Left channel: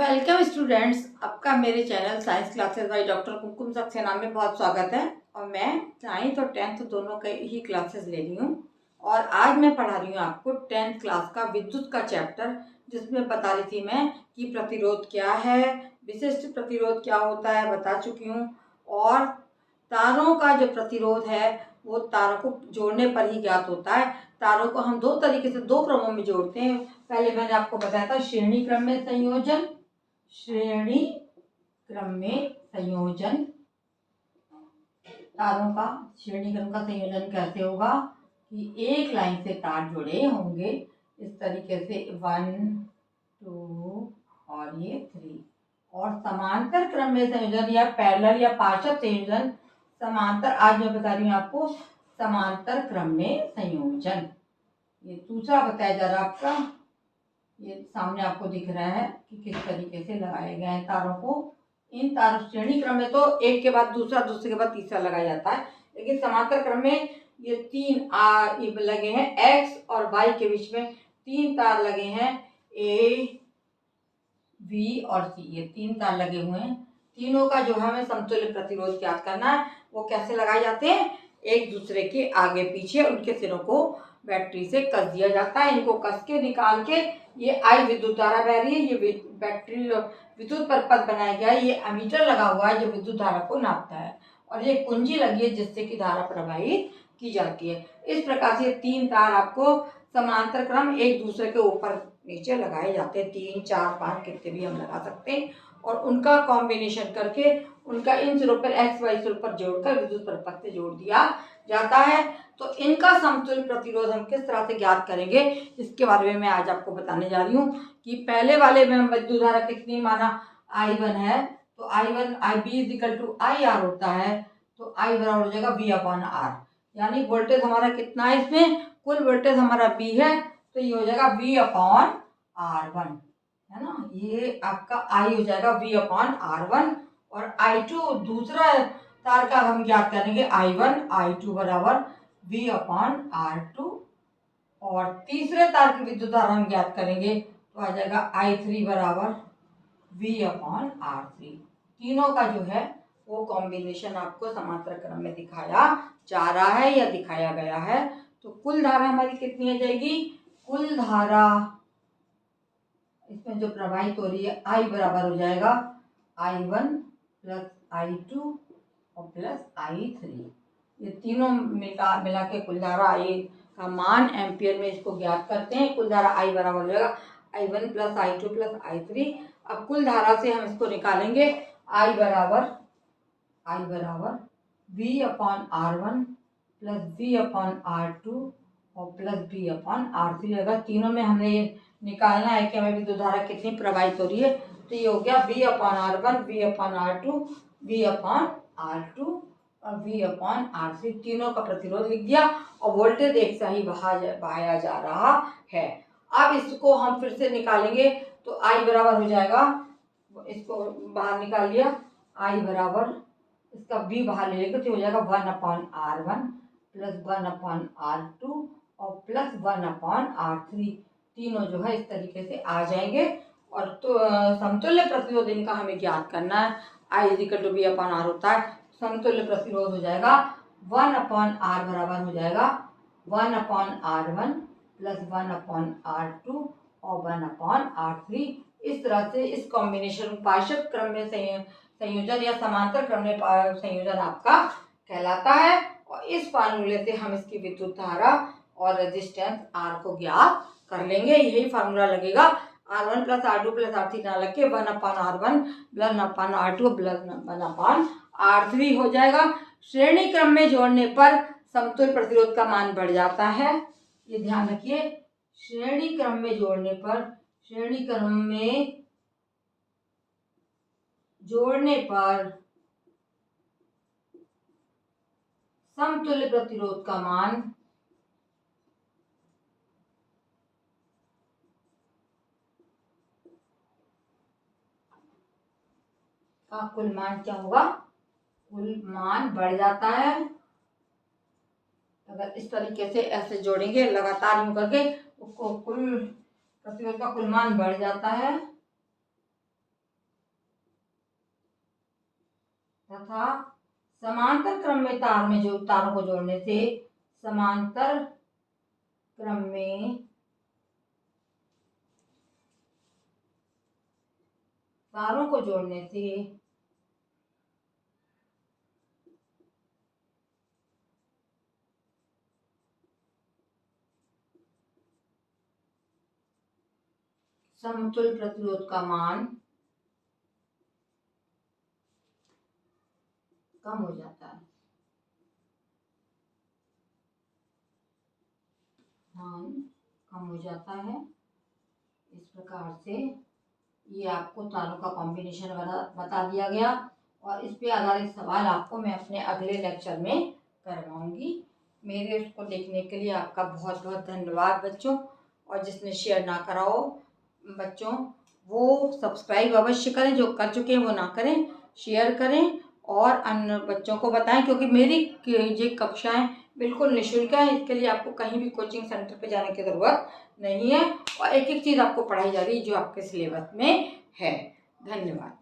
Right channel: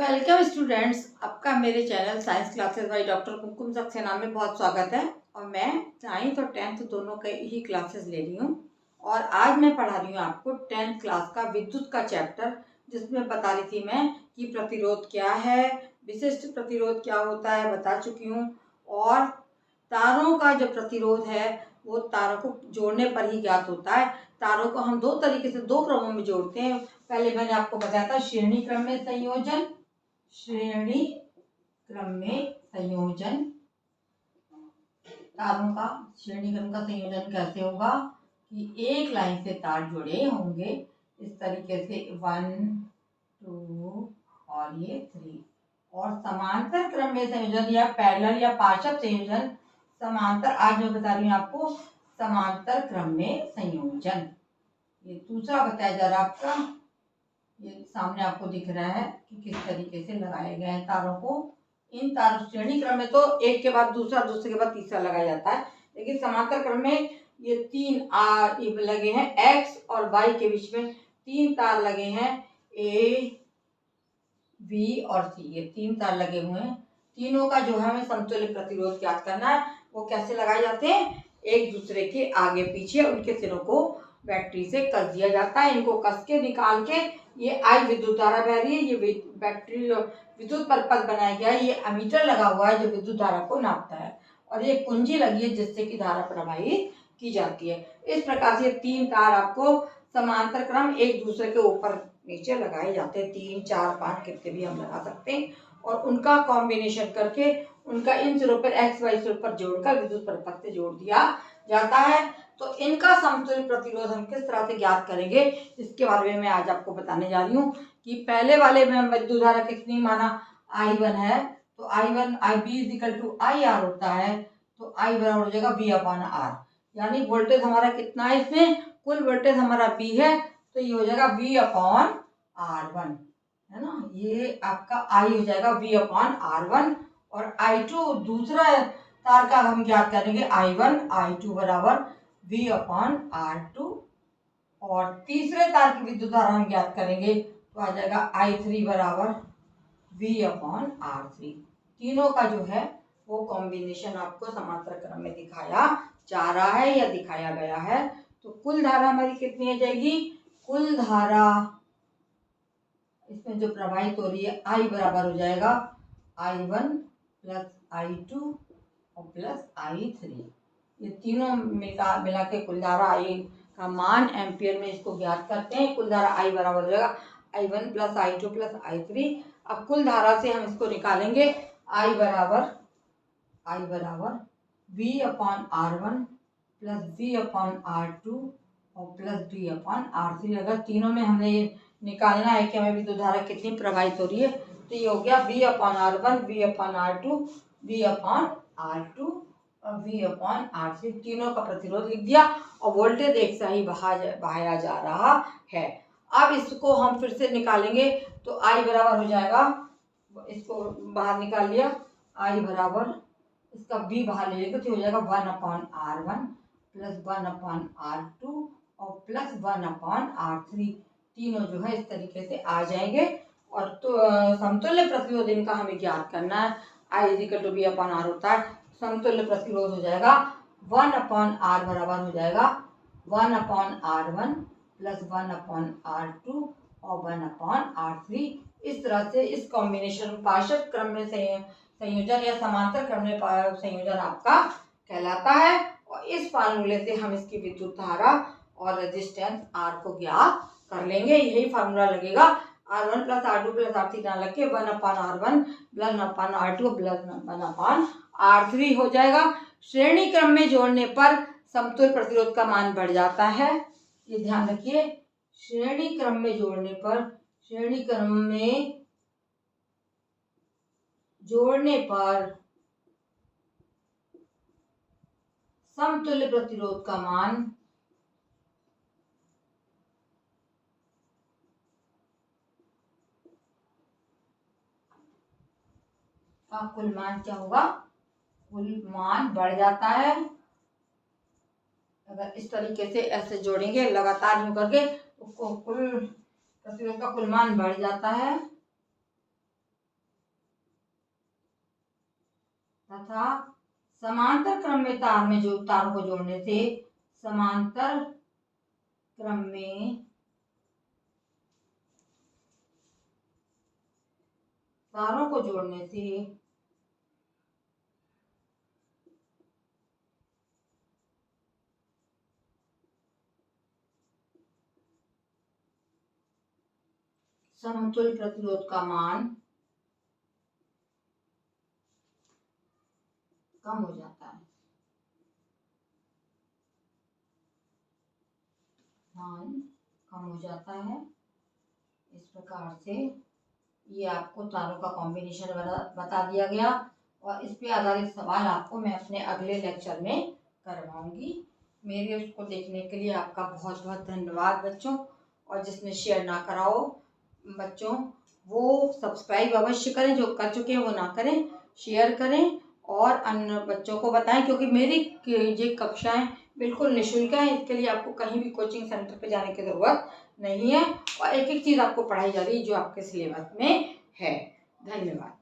Welcome students, आपका मेरे channel science classes by doctor Kumkum Saxena में बहुत स्वागत है। और मैं 9th और 10th दोनों के ही क्लासेस ले रही हूँ। और आज मैं पढ़ा रही हूँ आपको 10th क्लास का विद्युत का चैप्टर, जिसमें बता रही थी मैं कि प्रतिरोध क्या है, विशिष्ट प्रतिरोध क्या होता है बता चुकी हूँ। और तारों का जो प्रतिरोध है वो तारों को जोड़ने पर ही ज्ञात होता है। तारों को हम दो तरीके से दो क्रमों में जोड़ते हैं। पहले मैंने आपको बताया था श्रेणी क्रम में संयोजन। श्रेणी क्रम में संयोजन, तारों का श्रेणी क्रम का संयोजन कैसे होगा कि एक लाइन से तार जुड़े होंगे इस तरीके से 1 2 और ये 3। और समांतर क्रम में संयोजन या पैरेलल या पार्षद संयोजन, समांतर आज मैं बता रही हूँ आपको समांतर क्रम में संयोजन। ये दूसरा बताया जा रहा है आपका, ये सामने आपको दिख रहा है कि किस तरीके से लगाए गए हैं तारों को। इन तारों श्रेणी क्रम में तो एक के बाद दूसरा, दूसरे के बाद तीसरा लगाया जाता है, लेकिन समांतर क्रम में ये ये लगे हैं एक्स और वाई के बीच में 3 तार लगे हैं, ए बी और सी, ये 3 तार लगे हुए हैं। तीनों का जो है हमें समतुल्य प्रतिरोध ज्ञात करना है। वो कैसे लगाए जाते हैं, एक दूसरे के आगे पीछे उनके सिरों को बैटरी से कस दिया जाता है। इनको कस के निकाल के ये आई विद्युत धारा बह रही है, ये बैटरी विद्युत परिपथ बनाया गया है, ये एमीटर लगा हुआ है जो विद्युत धारा को नापता है, और ये कुंजी लगी है जिससे कि धारा प्रवाहित की जाती है। इस प्रकार से 3 तार आपको समांतर क्रम एक दूसरे के ऊपर नीचे लगाए जाते हैं, 3 4 5 कितने भी हम लगा सकते हैं। और उनका कॉम्बिनेशन करके उनका इन सिरों पर एक्स वाई सिरों पर जोड़कर विद्युत परिपथ से जोड़ दिया जाता है। तो इनका समतुल्य प्रतिरोध हम किस तरह से ज्ञात करेंगे, इसके बारे में मैं आज आपको बताने जा रही हूँ। कि पहले वाले में विद्युत धारा कितनी माना I1 है, तो I1 IB is equal to IR होता है, तो I बराबर हो जाएगा V अपॉन R। यानी वोल्टेज हमारा कितना है, इसमें कुल वोल्टेज हमारा V है, तो ये हो जाएगा V अपॉन R1, है ना। ये आपका I हो जाएगा V अपॉन R1। और I2 दूसरा तार का हम ज्ञात करेंगे I1, I2 बराबर V अपॉन R2। और तीसरे तार की विद्युत धारा हम ज्ञात करेंगे तो आ जाएगा I3 बराबर V अपॉन R3। तीनों का जो है वो कॉम्बिनेशन आपको समांतर क्रम में दिखाया जा रहा है या दिखाया गया है। तो कुल धारा हमारी कितनी आ जाएगी, कुल धारा इसमें जो प्रवाहित हो रही है I बराबर हो जाएगा I1 प्लस I2 और प्लस I3। ये तीनों मिला के कुल धारा I का मान एम्पियर में इसको ज्ञात करते हैं। कुल धारा I बराबर हो जाएगा I1 plus I2 plus I3। अब कुल धारा से हम इसको निकालेंगे, I बराबर V upon R1 plus V upon R2 और प्लस V अपॉन R3। अगर तीनों में हमने ये निकालना है कि हमें विद्युत धारा कितनी प्रवाहित हो रही है, तो ये हो गया V upon R1, V upon R2, V upon R2 और V अपॉन R3। तीनों का प्रतिरोध लिख दिया और वोल्टेज एक से ही बहाया जा रहा है। अब इसको हम फिर से निकालेंगे तो I बराबर हो जाएगा, इसको बाहर निकाल लिया, I बराबर इसका V बाहर ले लेंगे तो हो जाएगा 1 upon R1 plus 1 upon R2 और प्लस 1 अपॉन R3। तीनों जो है इस तरीके से आ जाएंगे। और तो समतुल्य प्रतिरोध इनका हमें ज्ञात करना है। I is equal to V upon R होता है, समतुल्य प्रतिरोध हो जाएगा 1 अपॉन R बराबर हो जाएगा 1 upon R1 plus 1 upon R2 और 1 अपॉन R3। इस तरह से इस कॉम्बिनेशन पार्षद क्रम में संयोजन या समांतर क्रम में संयोजन आपका कहलाता है। और इस फार्मूले से हम इसकी विद्युत धारा और रेजिस्टेंस R को ज्ञात कर लेंगे। यही फार्मूला लगेगा, R1 plus R2 plus R3 ना लग के 1 अपान R1 प्लस 1 अपान R2 प्लस 1 अपान R3 हो जाएगा। श्रेणी क्रम में जोड़ने पर समतुल्य प्रतिरोध का मान बढ़ जाता है, ये ध्यान रखिए। श्रेणी क्रम में जोड़ने पर, श्रेणी क्रम में जोड़ने पर समतुल्य प्रतिरोध का मान का कुल मान क्या होगा, कुल मान बढ़ जाता है। अगर इस तरीके से ऐसे जोड़ेंगे लगातार यूं करके तो कुल प्रतिरोध का कुल मान बढ़ जाता है। तथा समांतर क्रम में तारों को जोड़ने से समांतर क्रम में तारों को जोड़ने से समतुल्य प्रतिरोध का मान कम हो जाता है। मान कम हो जाता है। इस प्रकार से ये आपको तारों का कॉम्बिनेशन बता दिया गया और इस पे आधारित सवाल आपको मैं अपने अगले लेक्चर में करवाऊंगी। मेरे उसको देखने के लिए आपका बहुत बहुत धन्यवाद बच्चों। और जिसने शेयर ना करा हो बच्चों वो सब्सक्राइब अवश्य करें, जो कर चुके हैं वो ना करें, शेयर करें और अन्य बच्चों को बताएं, क्योंकि मेरी ये कक्षाएं बिल्कुल निःशुल्क है। इसके लिए आपको कहीं भी कोचिंग सेंटर पे जाने की ज़रूरत नहीं है और एक एक चीज़ आपको पढ़ाई जा रही है जो आपके सिलेबस में है। धन्यवाद।